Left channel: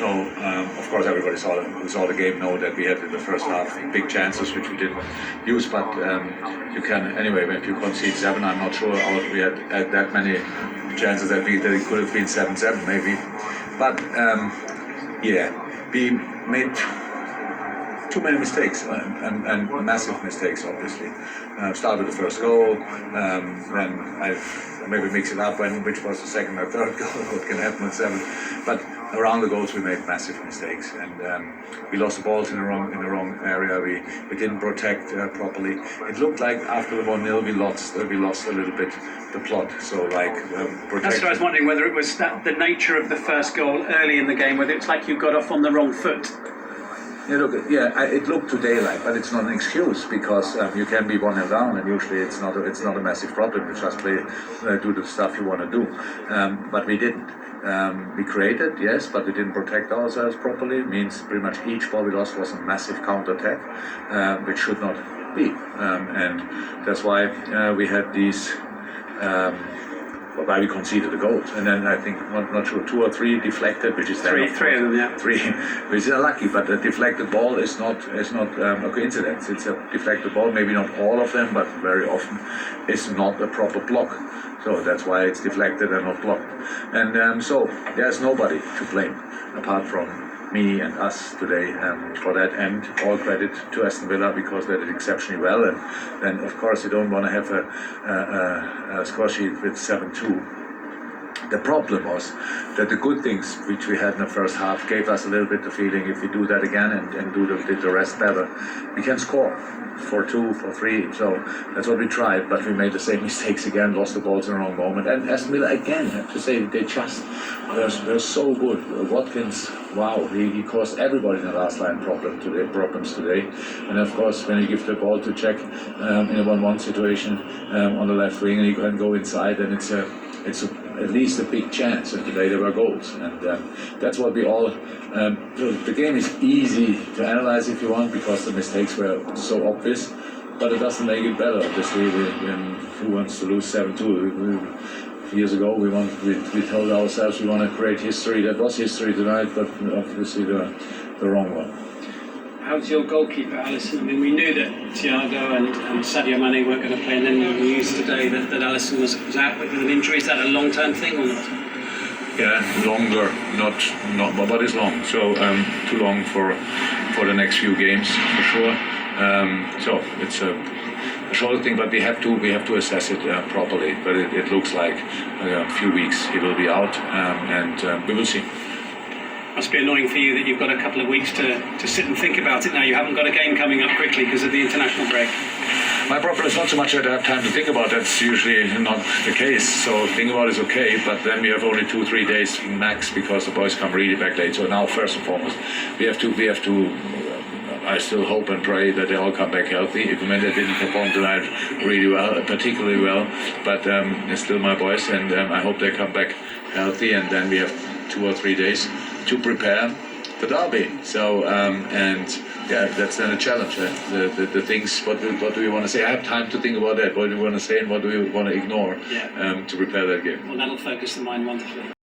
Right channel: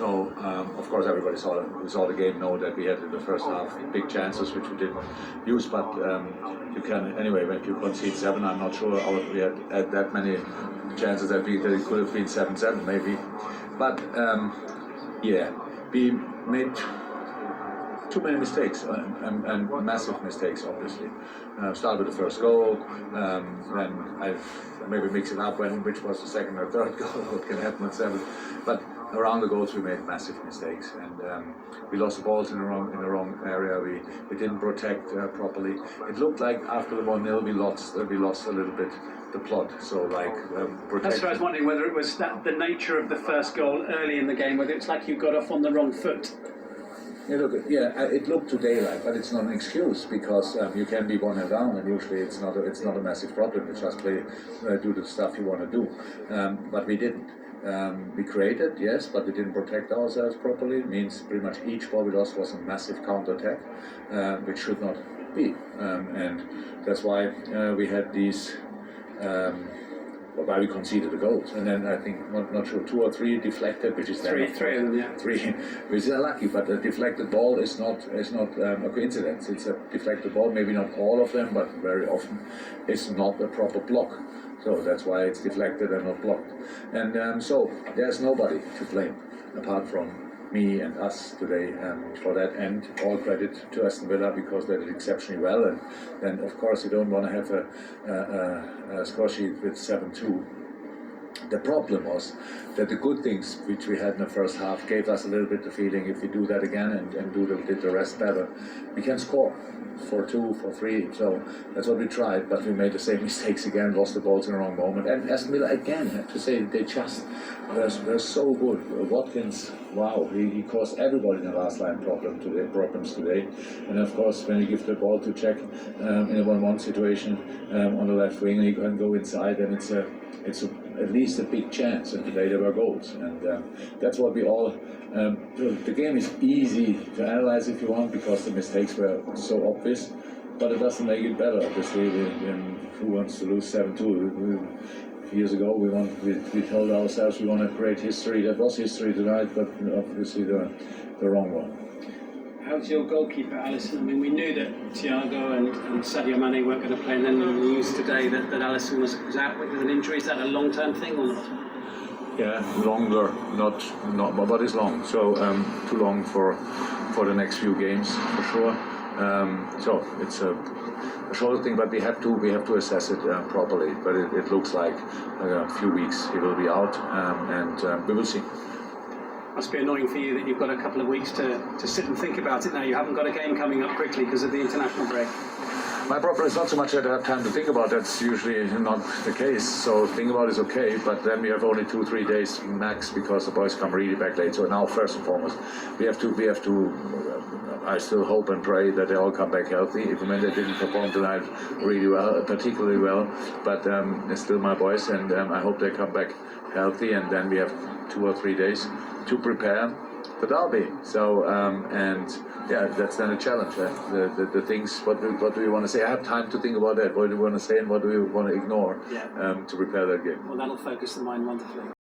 So of course everybody who saw the game know that we had in the first half big chances which we didn't use. But you can anyway, if you concede 7, I'm not sure we had that many chances that it could have been 7-7 maybe. But we made too many mistakes and massive mistakes, obviously. Start with the first goal, then I maybe mix it up which was the second or third goal, what can happen with 7. But around the goals we made massive mistakes, and we lost the balls in the wrong area. We didn't protect properly. It looked like after the 1-0 we lost a little bit the plot. So that's what I was wondering, whether it was the nature of the first goal early in the game, whether it's like you got off on the wrong foot. It looked today like, but it's not an excuse, because you can be 1-0 down, and usually it's not a massive problem. You just do the stuff you want to do, but we didn't. We created, yes, but we didn't protect ourselves properly. It means pretty much each ball we lost was a massive counter-attack, which should not be, and that's why we had these. Why we conceded the goals, and then I think not sure 2 or 3 deflected, which is three of them, yeah. 3, which is unlucky. But a deflected ball is not a coincidence. It's a deflected ball. Maybe not all of them, but very often it's not a proper block. So that's why it's deflected and not blocked. And so there's nobody to blame apart from me and us today for that, and all credit to Aston Villa because they did exceptionally well. And then of course you don't want to have a score sheet with 7-2. The problem was that the good things which we had in the first half gave us a little bit the feeling, if we do that again and do the rest better, we can score 4-2, 4-3. So that's what we tried, but we made the same mistakes again, lost the balls in the wrong moment. And Aston Villa again, I have to say, they're so good. Watkins, wow, he caused everybody in the last line problems today. And of course, when you give the ball to Czech in a 1-1 situation on the left wing, he can go inside, and it's at least a big chance, and today there were goals, and that's what we all. The game is easy to analyze if you want, because the mistakes were so obvious, but it doesn't make it better. Obviously, who wants to lose 7-2? Years ago, we told ourselves we want to create history. That was history tonight, but obviously the wrong one. How's your goalkeeper, Alisson? I mean, we knew that Thiago and Sadio Mane weren't going to play, and then we used today that Alisson was out with an injury. Is that a long-term thing or not? Yeah, longer, not, but it's long. So too long for the next few games for sure. So it's a short thing, but we have to assess it properly. But it looks like a few weeks he will be out, and we will see. Must be annoying for you that you've got a couple of weeks to sit and think about it now. You haven't got a game coming up quickly because of the international break. My problem is not so much that I have time to think about. That's usually not the case. So think about it is okay, but then we have only 2-3 days max because the boys come really back late. So now, first and foremost, we have to. I still hope and pray that they all come back healthy. Even when they didn't perform tonight really well, particularly well, but they're still my boys, and I hope they come back healthy. And then we have 2 or 3 days to prepare the derby. So that's then a challenge. The things. What do we want to say? I have time to think about that. What do we want to say and what do we want to ignore to prepare that game? Well, that'll focus the mind wonderfully.